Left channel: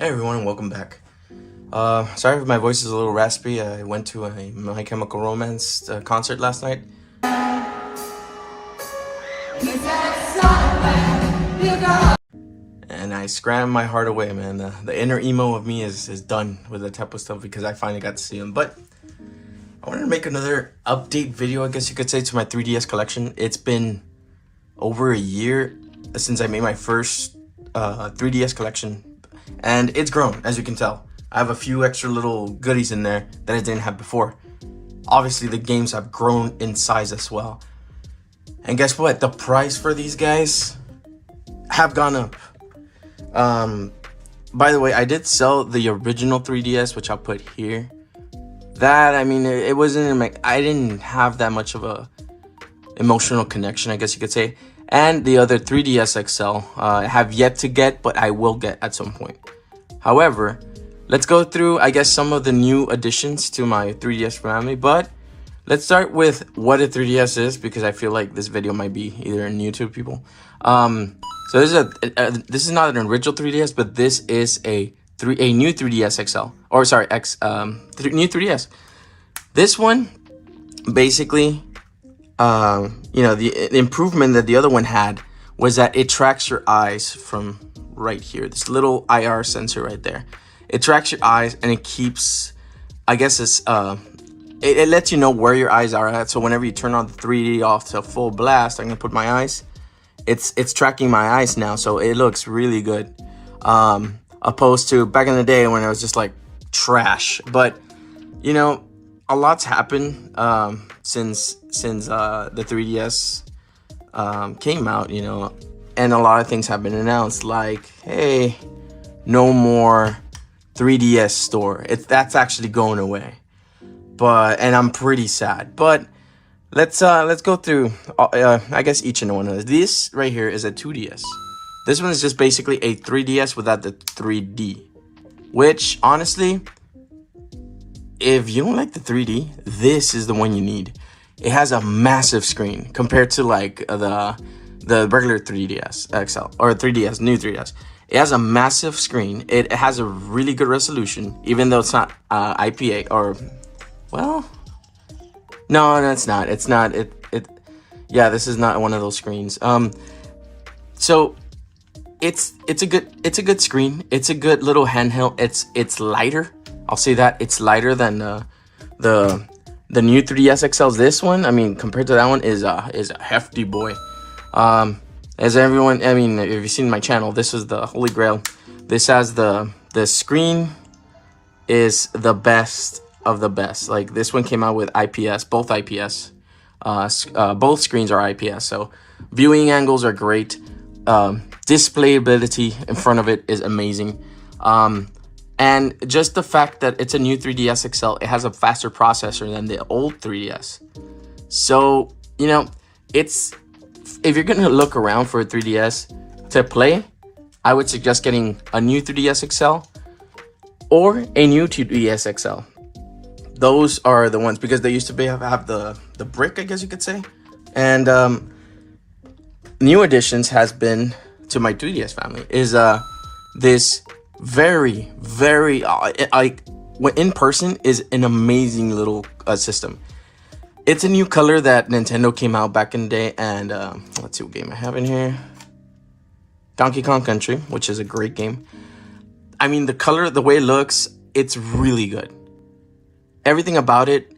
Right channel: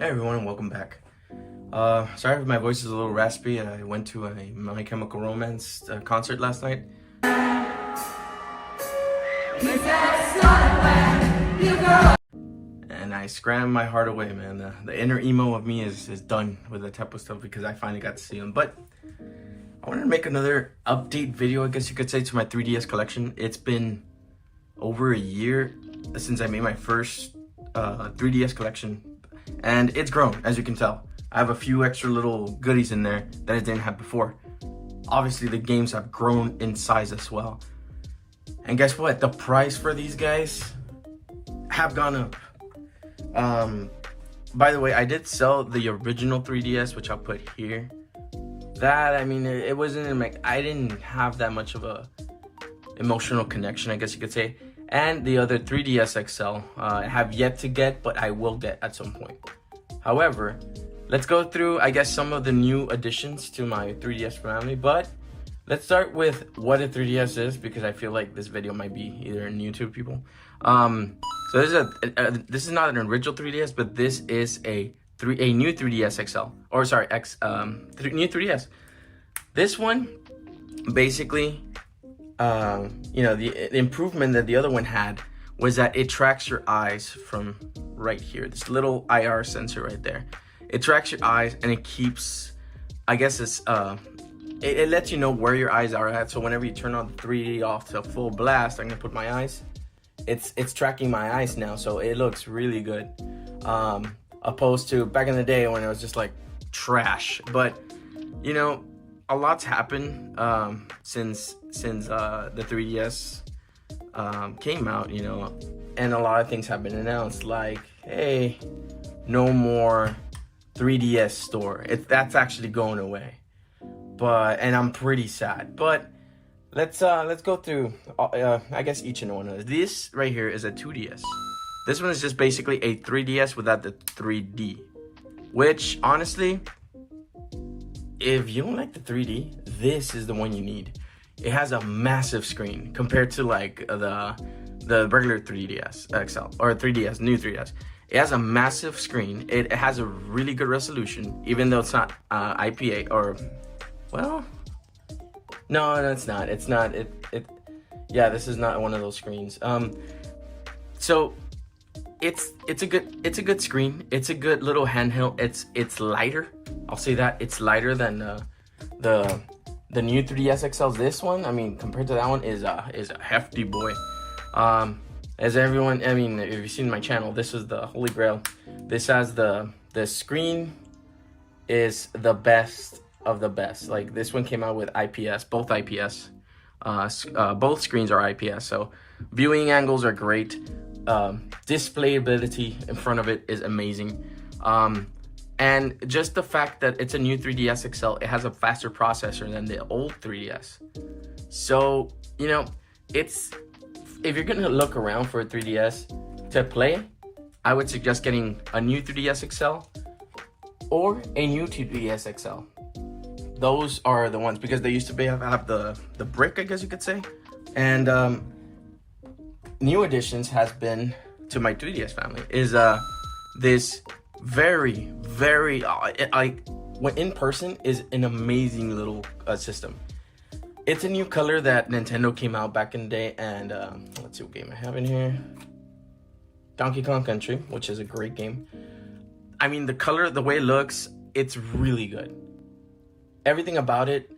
Hey everyone, welcome back. Sorry if my voice is a little raspy. I went to a My Chemical Romance concert last night. And I scrammed my heart away, man. The inner emo of me is done with the type of stuff because I finally got to see him. But I wanted to make another update video, I guess you could say, to my 3DS collection. It's been over a year since I made my first 3DS collection. And it's grown, as you can tell. I have a few extra little goodies in there that I didn't have before. Obviously, the games have grown in size as well. And guess what? The price for these guys have gone up. By the way, I did sell the original 3DS, which I'll put here. That, I mean, it wasn't, I didn't have that much of a emotional connection, I guess you could say. And the other 3DS XL, I have yet to get, but I will get at some point. However, let's go through, I guess, some of the new additions to my 3DS family. But let's start with what a 3DS is, because I feel like this video might be either new to people. So this is not an original 3DS, but this is a new 3DS XL, or sorry, new 3DS. This one, basically, you know, the improvement that the other one had was that it tracks your eyes from right here. This little IR sensor right there. It tracks your eyes and it keeps, I guess it's, it lets you know where your eyes are at. So whenever you turn on the 3D off to full blast, I'm gonna put my eyes. It's tracking my eyes now, so it looks really good. Opposed to back in the day when it was just like trash. But you know, a lot's happened since the 3DS came out, you know, and a lot of things have been announced, like, hey, no more 3DS store. That's actually going away. And I'm pretty sad. But let's go through I guess each and one of those. This right here is a 2DS. This one is just basically a 3DS without the 3D, which honestly, if you don't like the 3D, this is the one you need. It has a massive screen compared to like the regular 3DS XL or 3DS, new 3DS. It has a massive screen. It has a really good resolution, even though it's not IPA or, well, no, it's not. It's not. Yeah, this is not one of those screens. So it's a good screen. It's a good little handheld. It's lighter. I'll say that it's lighter than the new 3DS XLs. This one, I mean, compared to that one, is a hefty boy. As everyone, I mean, if you've seen my channel, this is the holy grail. This has the screen is the best of the best. Like, this one came out with IPS, both IPS. Both screens are IPS, so viewing angles are great. Displayability in front of it is amazing. And just the fact that it's a new 3DS XL, it has a faster processor than the old 3DS. So, you know, if you're gonna look around for a 3DS to play, I would suggest getting a new 3DS XL or a new 2DS XL. Those are the ones, because they used to have the brick, I guess you could say. And new additions has been to my 3DS family is this very in person is an amazing little system. It's a new color that Nintendo came out back in the day, and let's see what game I have in here. Donkey Kong Country, which is a great game. I mean, the color, the way it looks, it's really good. Everything about it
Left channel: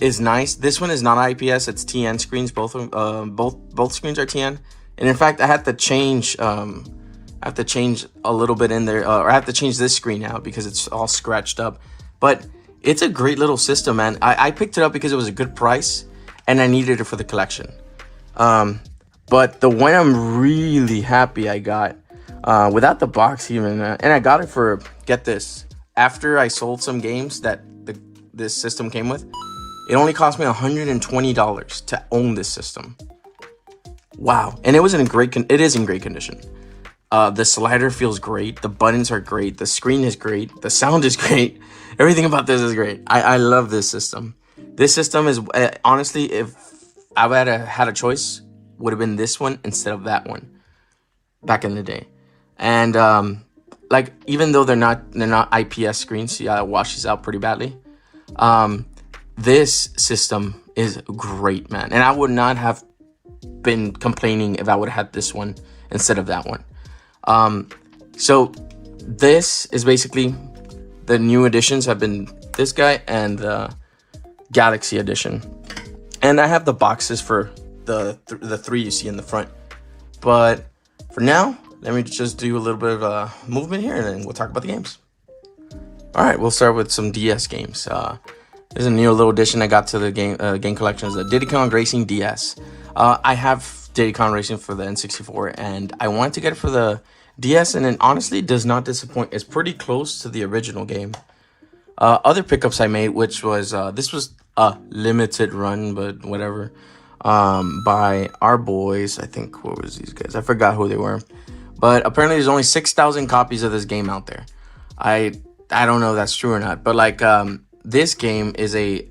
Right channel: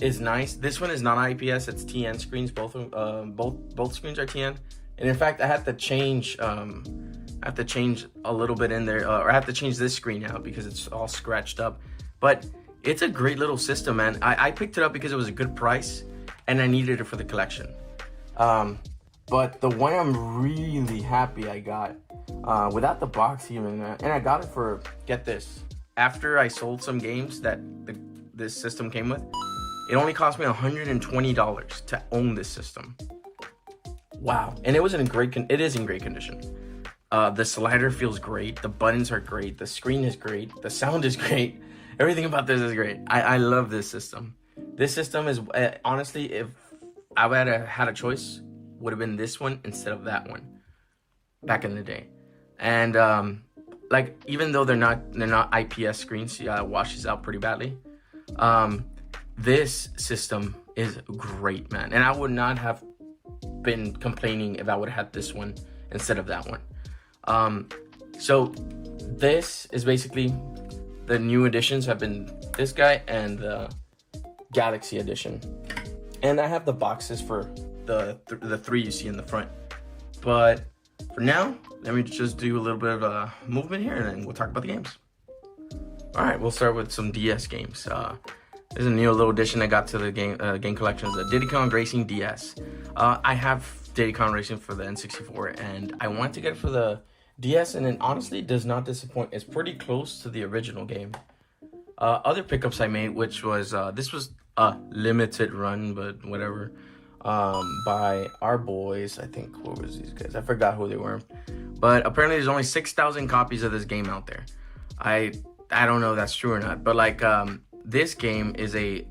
is nice. This one is not IPS; it's TN screens. Both screens are TN, and in fact, I had to change. I have to change a little bit in there, or I have to change this screen out because it's all scratched up. But it's a great little system, man. I picked it up because it was a good price, and I needed it for the collection. But the one I'm really happy I got, without the box even, and I got it for, get this, after I sold some games that this system came with, it only cost me $120 to own this system. Wow. And it is in great condition. The slider feels great. The buttons are great. The screen is great. The sound is great. Everything about this is great. I love this system. This system is, honestly, if I had a choice, would have been this one instead of that one back in the day. And like, even though they're not IPS screens, yeah, it washes out pretty badly. This system is great, man, and I would not have been complaining if I would have had this one instead of that one. So this is basically the new editions have been this guy and the Galaxy edition, and I have the boxes for the three you see in the front. But for now, let me just do a little bit of a movement here, and then we'll talk about the games. All right, we'll start with some DS games. There's a new little addition I got to the game collections, the Diddy Kong Racing DS. I have Diddy Kong Racing for the N64, and I wanted to get it for the DS, and it honestly does not disappoint. It's pretty close to the original game. Other pickups I made, which was this was a limited run, but whatever, by our boys. I think, what was these guys? I forgot who they were, but apparently there's only 6,000 copies of this game out there. I don't know if that's true or not, but like this game is a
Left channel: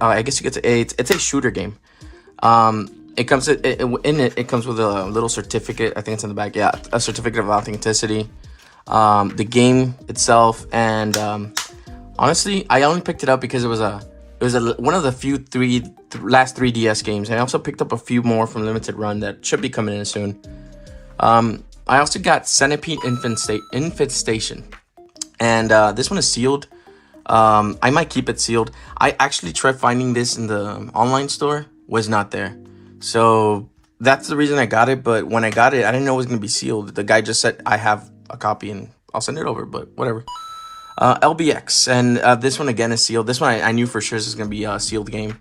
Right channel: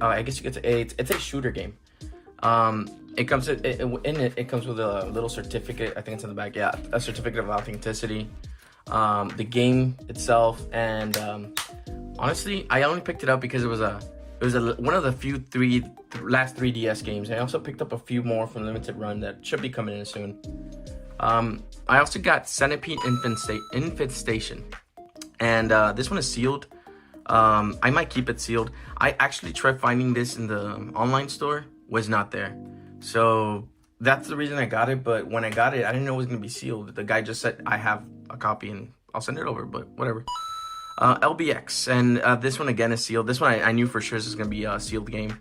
I guess you could say it's a shooter game. It comes it comes with a little certificate. I think it's in the back. Yeah, a certificate of authenticity. The game itself, and honestly, I only picked it up because it was one of the few last 3DS games. And I also picked up a few more from limited run that should be coming in soon. I also got Centipede Infestation, and this one is sealed. I might keep it sealed. I actually tried finding this in the online store, was not there. So that's the reason I got it. But when I got it, I didn't know it was going to be sealed. The guy just said, I have a copy and I'll send it over, but whatever. LBX, and this one again is sealed. This one I knew for sure this is going to be a sealed game.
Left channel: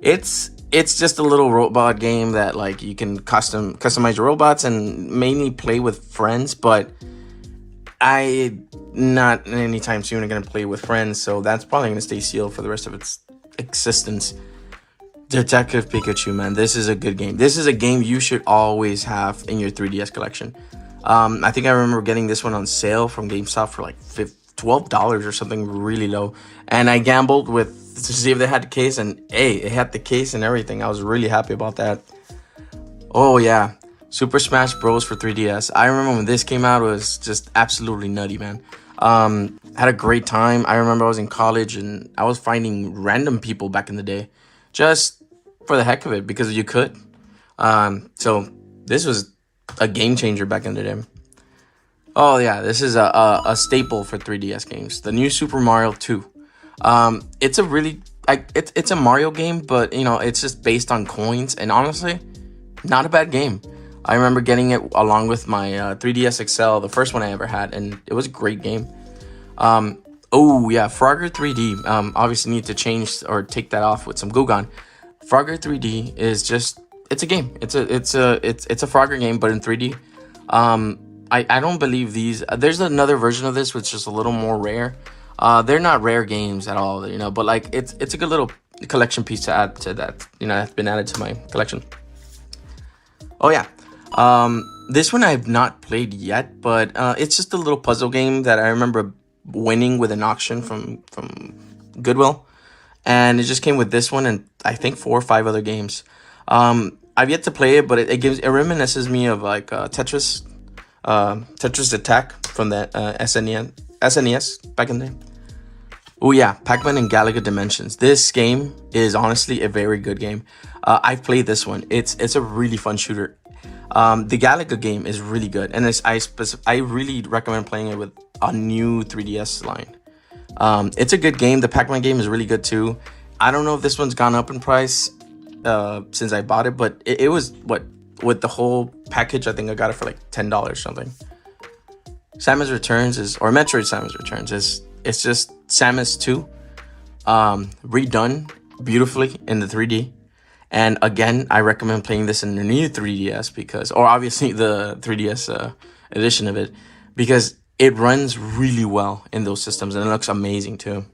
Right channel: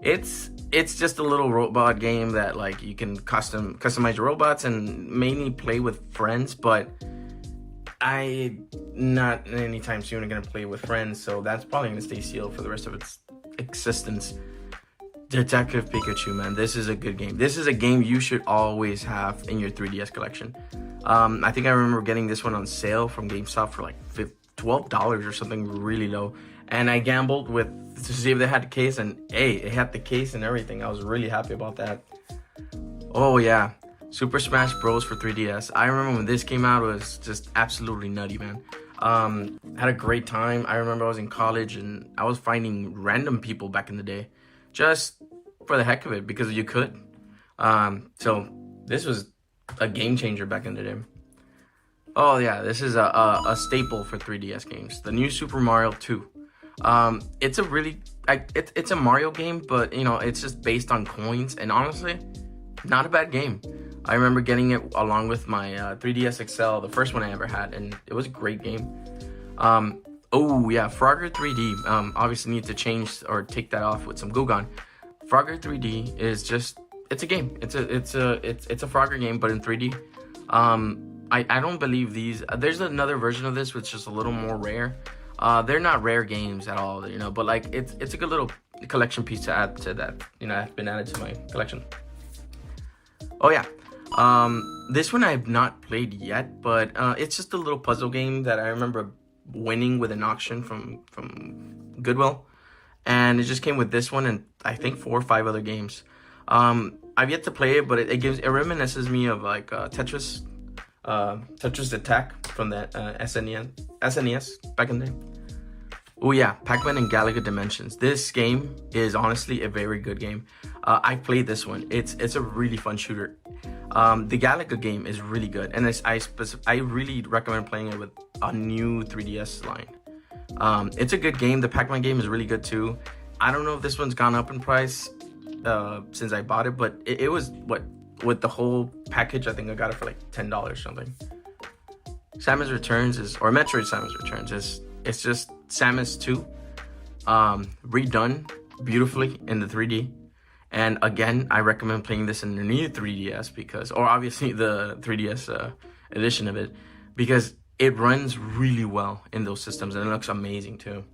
It's just a little robot game that like you can customize your robots and mainly play with friends, but I not anytime soon going to play with friends, so that's probably going to stay sealed for the rest of its existence. Detective Pikachu, man, this is a good game. This is a game you should always have in your 3DS collection. I think I remember getting this one on sale from GameStop for like $12 or something really low, and I gambled to see if they had the case, and hey, it had the case and everything. I was really happy about that. Oh yeah, Super Smash Bros for 3DS. I remember when this came out, it was just absolutely nutty, man. Had a great time. I remember I was in college and I was finding random people back in the day, just for the heck of it, because you could. So this was a game changer back in the day. Oh yeah, this is a staple for 3DS games. The new Super Mario 2. It's a really it's a Mario game, but you know, it's just based on coins, and honestly, not a bad game. I remember getting it along with my 3DS XL, the first one I ever had, and it was a great game. Oh yeah, Frogger 3D. Obviously need to change or take that off with some Goo-Gone. Frogger 3D is just, it's a game. It's a Frogger game, but in 3D. I don't believe these. There's another version of this which is a little more rare. They're not rare games at all, you know, but like it's a good little collection piece to add to that. You know, I've been added to my collection. Oh yeah. This one I've not played yet, but it's just a little puzzle game that I remember winning with an auction from Goodwill, and it just came with this one and I think 4 or 5 other games. I've yet to play it, but it reminisces me of like Tetris Attack from the SNES back in the day. Oh yeah, Pac-Man and Galaga Dimensions. This game is honestly a very good game. I've played this one. It's a really fun shooter. The Galaga game is really good, and I really recommend playing it with a new 3DS line. It's a good game. The Pac-Man game is really good too. I don't know if this one's gone up in price since I bought it, but it was with the whole package, I think I got it for like $10 or something. Samus Returns Metroid Samus Returns it's just Samus 2 redone beautifully in the 3D. And again, I recommend playing this in the new 3DS or obviously the 3DS edition of it, because it runs really well in those systems and it looks amazing too.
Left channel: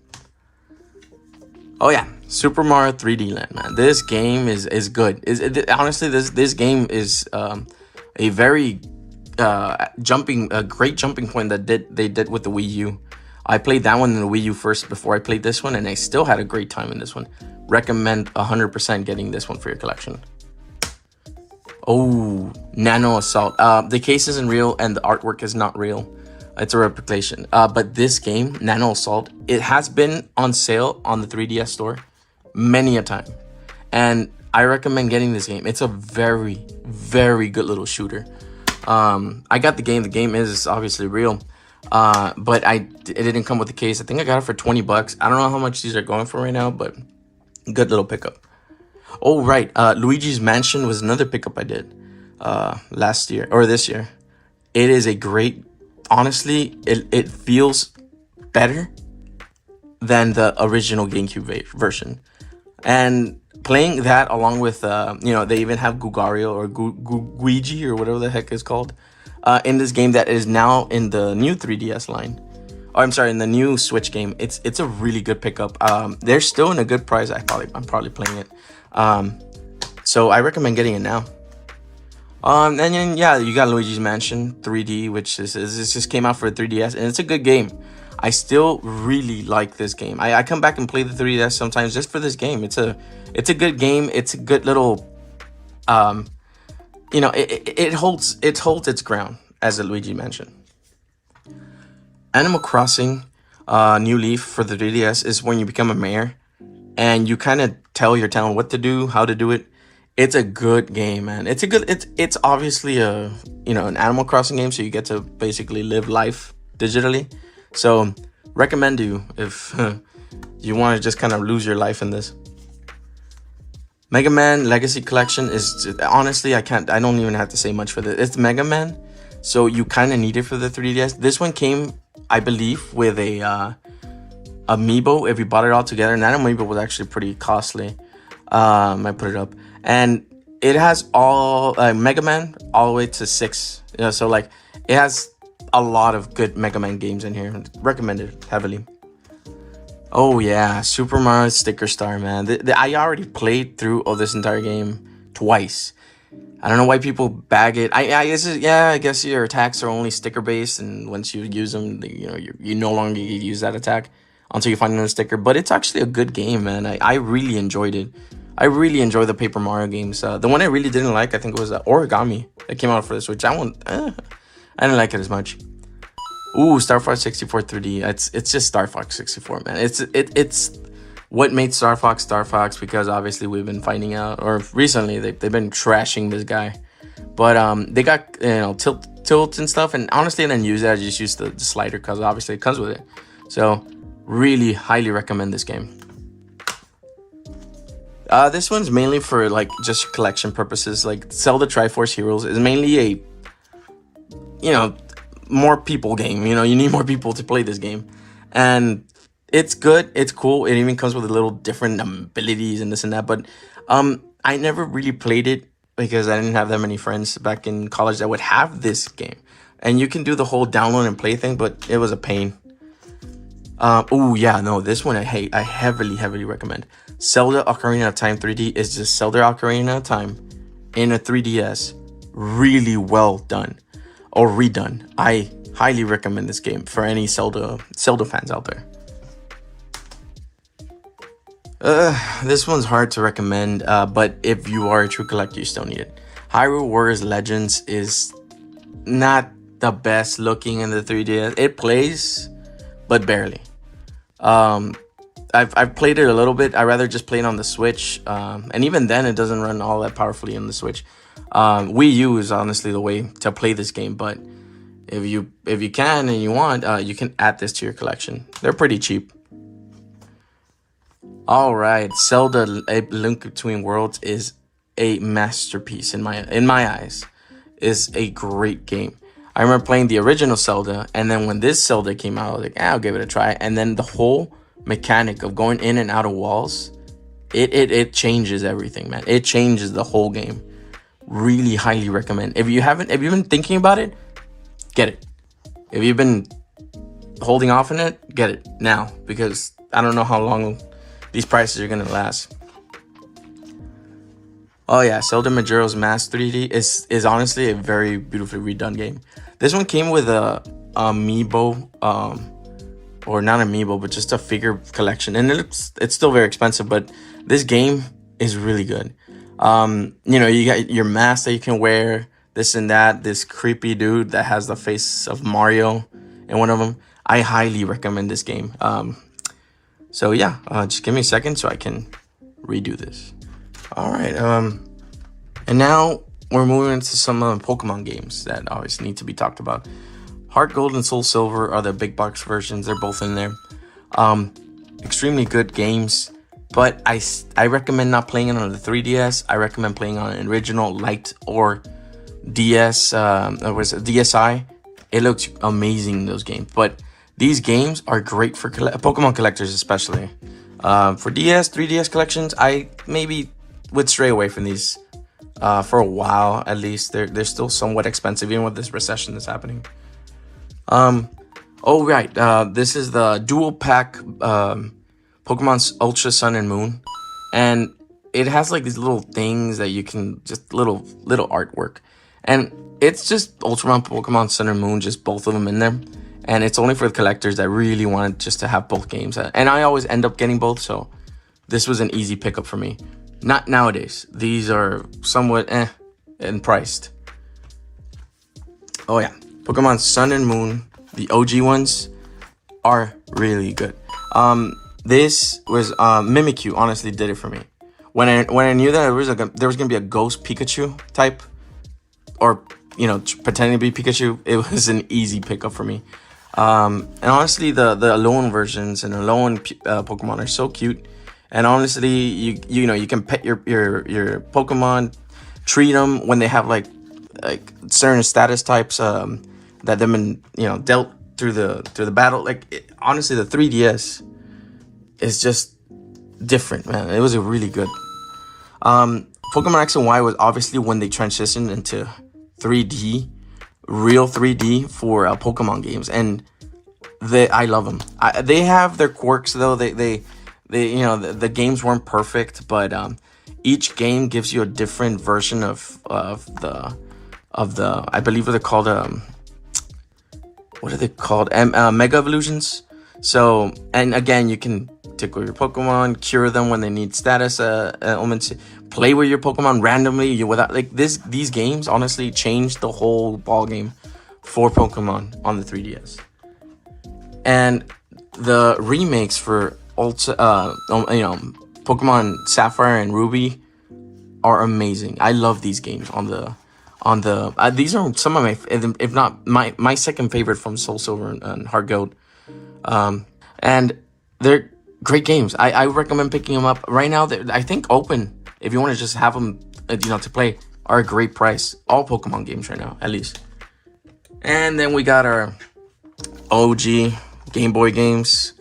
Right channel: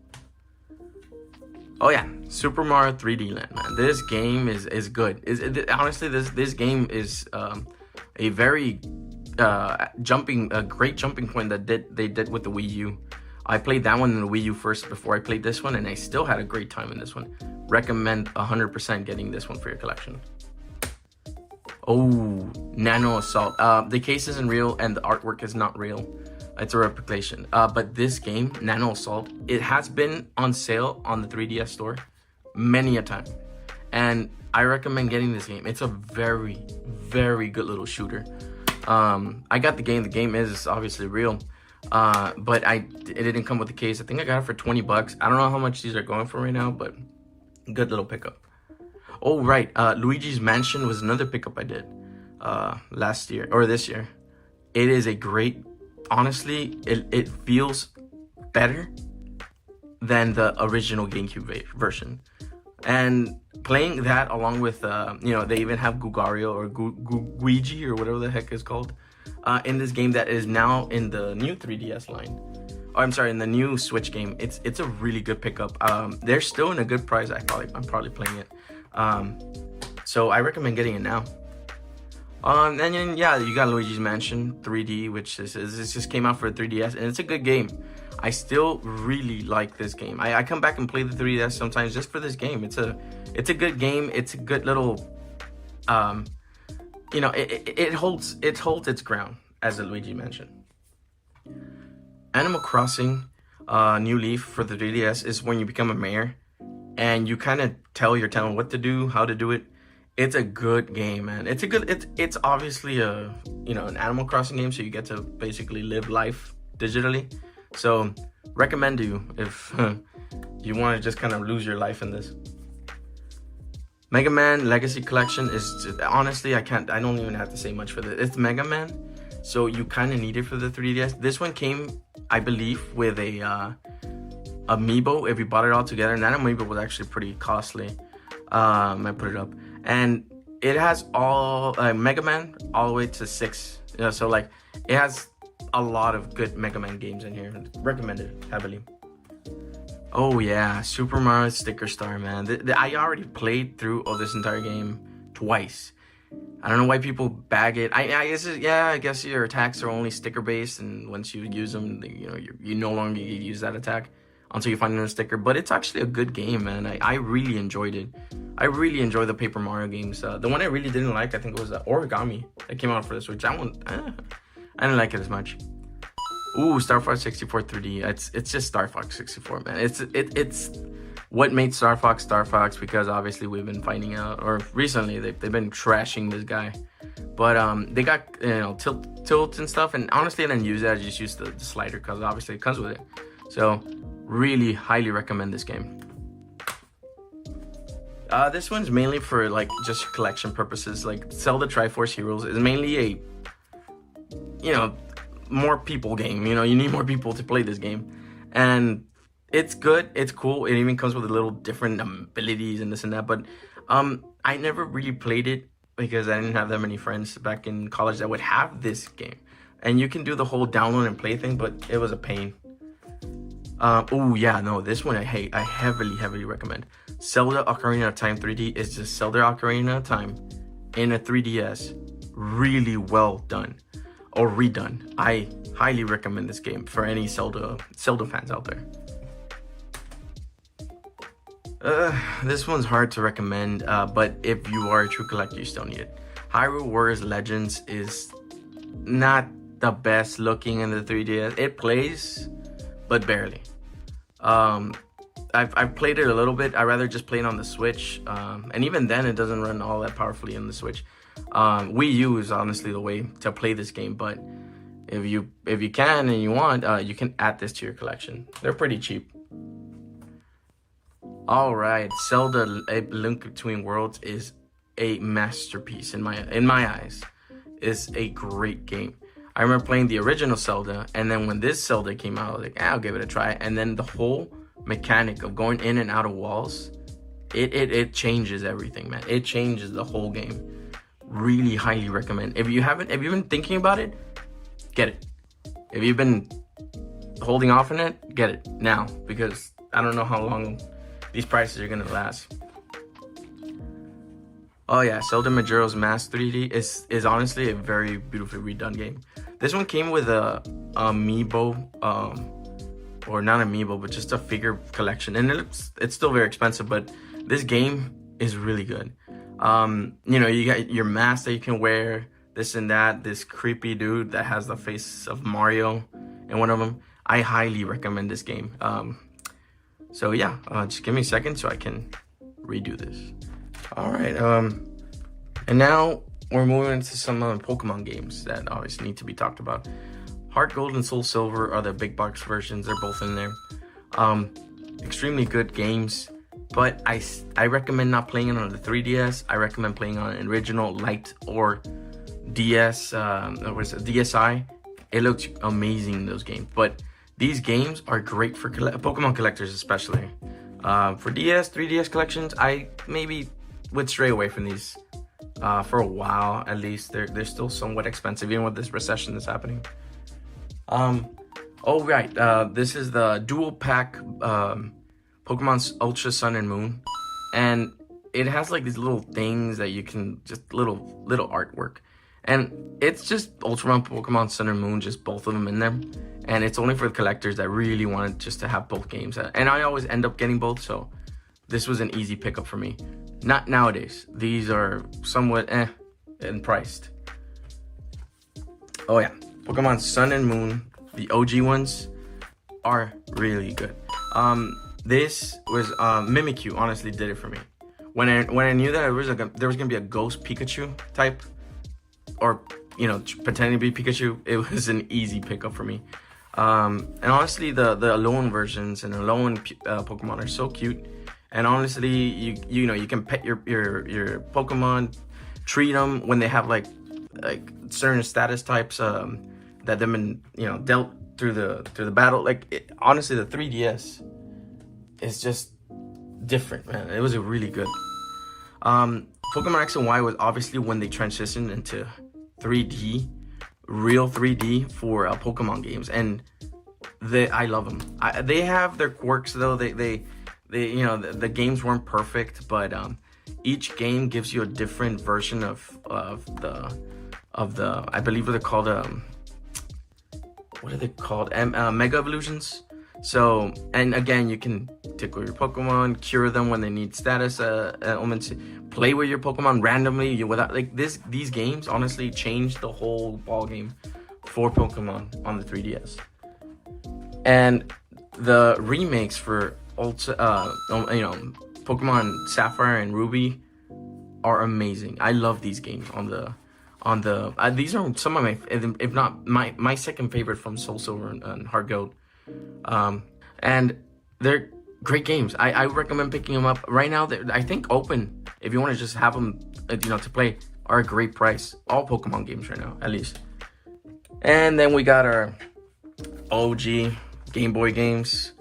Oh yeah, Super Mario 3D Land, man. This game is good. Honestly, this game is a very great jumping point that they did with the Wii U. I played that one in the Wii U first before I played this one, and I still had a great time in this one. Recommend 100% getting this one for your collection. Oh, Nano Assault. The case isn't real and the artwork is not real. It's a replication. But this game, Nano Assault, it has been on sale on the 3DS store many a time. And I recommend getting this game. It's a very, very good little shooter. I got the game. The game is obviously real. But it didn't come with the case. I think I got it for 20 bucks. I don't know how much these are going for right now, but good little pickup. Oh, right. Luigi's Mansion was another pickup I did last year or this year. It is a great, honestly, it feels better than the original GameCube version. And playing that along with, they even have Gugario or Guigi or whatever the heck is called in this game that is now in the new 3DS line. Oh, I'm sorry, in the new Switch game. It's a really good pickup. They're still in a good price. I'm probably playing it. So I recommend getting it now. And then, yeah, you got Luigi's Mansion 3D, which just came out for 3DS, and it's a good game. I still really like this game. I come back and play the 3DS sometimes just for this game. It's a good game. It's a good little, it holds its ground as a Luigi Mansion. Animal Crossing New Leaf for the 3DS is when you become a mayor and you kind of tell your town what to do, how to do it. It's a good game, man. It's obviously an Animal Crossing game, so you get to basically live life digitally. So recommend you if you want to just kind of lose your life in this. Mega Man Legacy Collection is honestly, I don't even have to say much for this. It's Mega Man, so you kind of need it for the 3DS. This one came, I believe, with a amiibo if you bought it all together, and that amiibo was actually pretty costly. I put it up, and it has all Mega Man all the way to 6. So like it has a lot of good Mega Man games in here. Recommended heavily. Oh yeah, Super Mario Sticker Star, man. I already played through this entire game twice. I don't know why people bag it. I guess your attacks are only sticker based, and once you use them, you no longer use that attack until you find another sticker. But it's actually a good game, man. I really enjoyed it. I really enjoy the Paper Mario games. The one I really didn't like, I think it was Origami that came out for the Switch. That one, I didn't like it as much. Ooh, Star Fox 64 3D. It's just Star Fox 64, man. It's what made Star Fox because obviously we've been finding out, or recently they've been trashing this guy. But they got tilt and stuff, and honestly I didn't use it. I just used the slider because obviously it comes with it. So really highly recommend this game. This one's mainly for like just collection purposes. Like Zelda Triforce Heroes is mainly a more people game. You need more people to play this game, and it's good, it's cool. It even comes with a little different abilities and this and that, but I never really played it because I didn't have that many friends back in college that would have this game. And you can do the whole download and play thing, but it was a pain. Oh yeah, no, this one I heavily recommend. Zelda Ocarina of Time 3D is just Zelda Ocarina of Time in a 3DS. Really well done. Or redone. I highly recommend this game for any Zelda fans out there. This one's hard to recommend, but if you are a true collector, you still need it. Hyrule Warriors Legends is not the best looking in the 3DS. It plays, but barely. I've played it a little bit. I rather just play it on the Switch, and even then, it doesn't run all that powerfully on the Switch. Wii U is honestly the way to play this game, but if you can and you want, you can add this to your collection. They're pretty cheap. All right, Zelda: A Link Between Worlds is a masterpiece in my eyes. It's a great game. I remember playing the original Zelda, and then when this Zelda came out, I was like, I'll give it a try. And then the whole mechanic of going in and out of walls, it changes everything, man. It changes the whole game. Really highly recommend. If you've been thinking about it, get it. If you've been holding off on it, get it now, because I don't know how long these prices are gonna last. Oh yeah, Zelda Majora's Mask 3D is honestly a very beautifully redone game. This one came with a amiibo, or not amiibo, but just a figure collection, and it's still very expensive, but this game is really good. You got your mask that you can wear, this and that. This creepy dude that has the face of Mario in one of them. I highly recommend this game. So yeah, just give me a second so I can redo this. All right, and now we're moving into some Pokemon games that obviously need to be talked about. Heart Gold and Soul Silver are the big box versions. They're both in there. Extremely good games, but I recommend not playing it on the 3DS. I recommend playing on an original Lite or DS. Was DSi. It looks amazing, those games. But these games are great for Pokemon collectors, especially. For DS, 3DS collections, I maybe would stray away from these for a while at least. They're still somewhat expensive, even with this recession that's happening. Oh right, this is the dual pack Pokemon Ultra Sun and Moon, and it has like these little things that you can just little artwork, and it's just Ultraman Pokemon Sun and Moon, just both of them in there, and it's only for the collectors that really wanted just to have both games. And I always end up getting both, so this was an easy pickup for me. Not nowadays. These are somewhat and priced. Oh yeah, Pokemon Sun and Moon, the OG ones, are really good. This was Mimikyu honestly did it for me. When I knew that there was gonna be a ghost Pikachu type, or you know, pretending to be Pikachu, it was an easy pickup for me. And honestly, the Alolan versions and Alolan Pokemon are so cute. And honestly, you know, you can pet your Pokemon, treat them when they have like certain status types that they've been, you know, dealt through the battle. Like honestly, the 3DS is just different, man. It was a really good. Pokemon X and Y was obviously when they transitioned into 3D, real 3D for Pokemon games, and I love them. They have their quirks though. They you know, the games weren't perfect, but each game gives you a different version of the I believe they're called what are they called, Mega Evolutions. So, and again, you can tickle your Pokemon, cure them when they need status elements, play with your Pokemon randomly without like these games honestly changed the whole ball game for Pokemon on the 3DS. And the remakes for you know, Pokemon Sapphire and Ruby are amazing. I love these games on the these are some of my, if not my second favorite from Soul Silver and Heart Gold. And they're great games. I recommend picking them up right now. I think open, if you want to just have them, you know, to play, are a great price. All Pokemon games right now, at least. And then we got our OG Game Boy games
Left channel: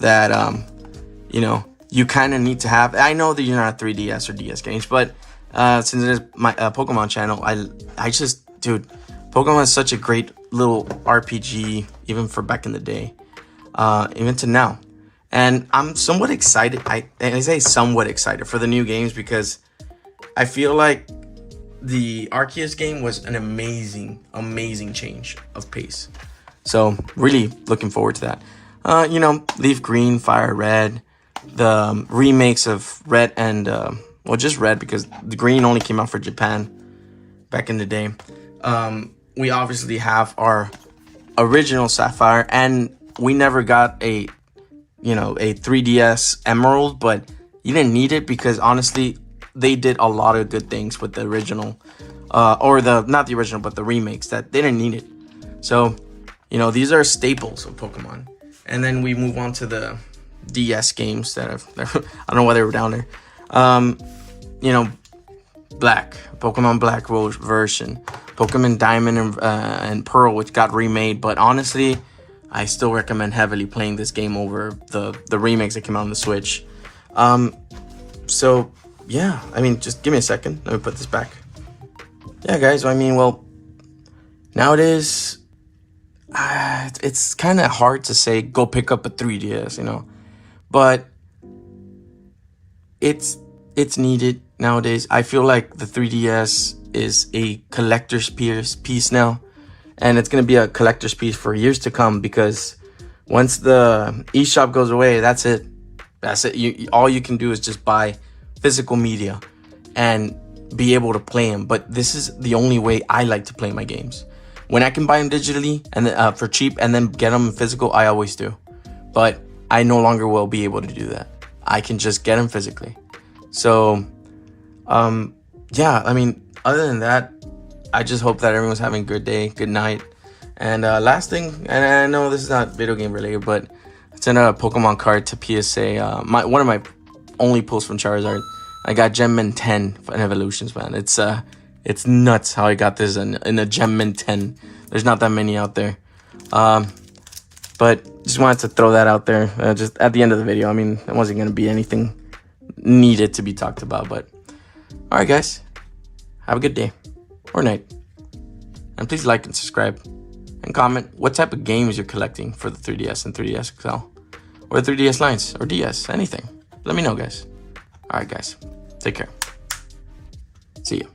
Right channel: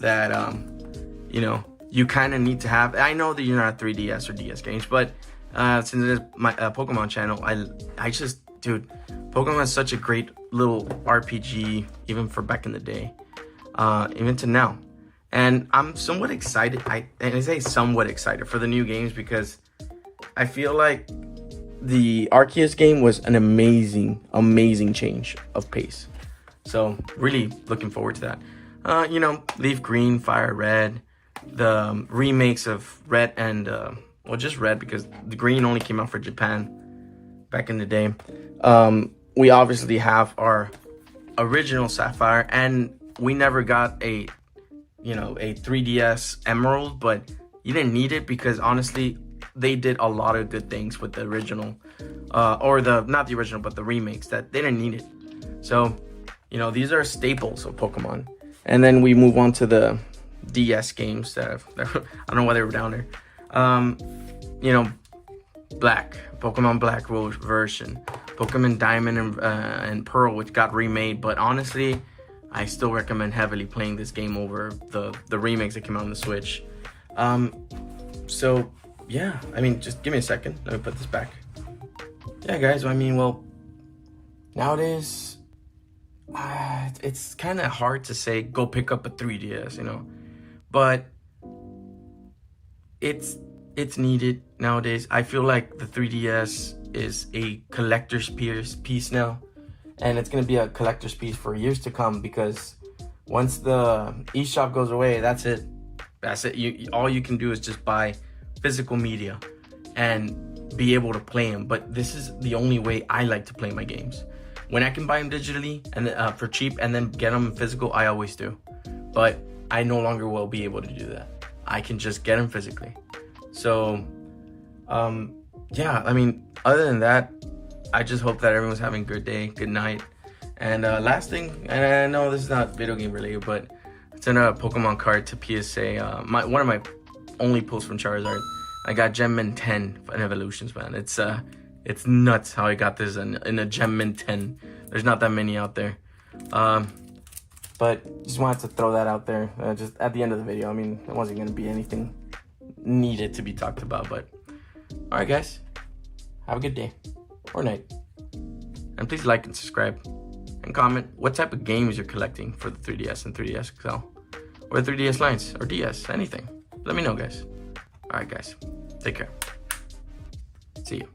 that you know, you kind of need to have. I know that you're not 3DS or DS games, but since it is my Pokemon channel, I just, dude, Pokemon is such a great little RPG, even for back in the day, even to now. And I'm somewhat excited. I say somewhat excited for the new games because I feel like the Arceus game was an amazing change of pace. So really looking forward to that. You know, Leaf Green, Fire Red, the remakes of Red and well, just Red because the Green only came out for Japan back in the day. We obviously have our original Sapphire, and we never got a 3DS Emerald, but you didn't need it because honestly they did a lot of good things with the original, or not the original but the remakes, that they didn't need it. So, you know, these are staples of Pokemon. And then we move on to the DS games that I don't know why they were down there. You know, Pokemon Black version, Pokemon Diamond and Pearl, which got remade, but honestly I still recommend heavily playing this game over the remakes that came out on the Switch. So yeah, I mean, just give me a second, let me put this back. Yeah guys, I mean, well, nowadays it's kind of hard to say go pick up a 3DS, you know, but it's needed nowadays. I feel like the 3DS is a collector's piece now, and it's going to be a collector's piece for years to come, because once the eShop goes away, that's it. All you can do is just buy physical media and be able to play them. But this is the only way I like to play my games. When I can buy them digitally and then, for cheap and then get them physical, I always do. But I no longer will be able to do that. I can just get them physically. So, yeah, I mean, other than that, I just hope that everyone's having a good day, good night. And last thing, and I know this is not video game related, but it's in a Pokemon card to PSA. One of my only pulls from Charizard. I got Gemmin 10 in Evolutions, man. It's nuts how I got this in a Gemmin 10. There's not that many out there. But just wanted to throw that out there just at the end of the video. I mean, it wasn't going to be anything needed to be talked about, but all right, guys, have a good day or night. And please like and subscribe and comment what type of games you're collecting for the 3DS and 3DS XL or 3DS lines or DS, anything. Let me know, guys. All right, guys, take care. See you.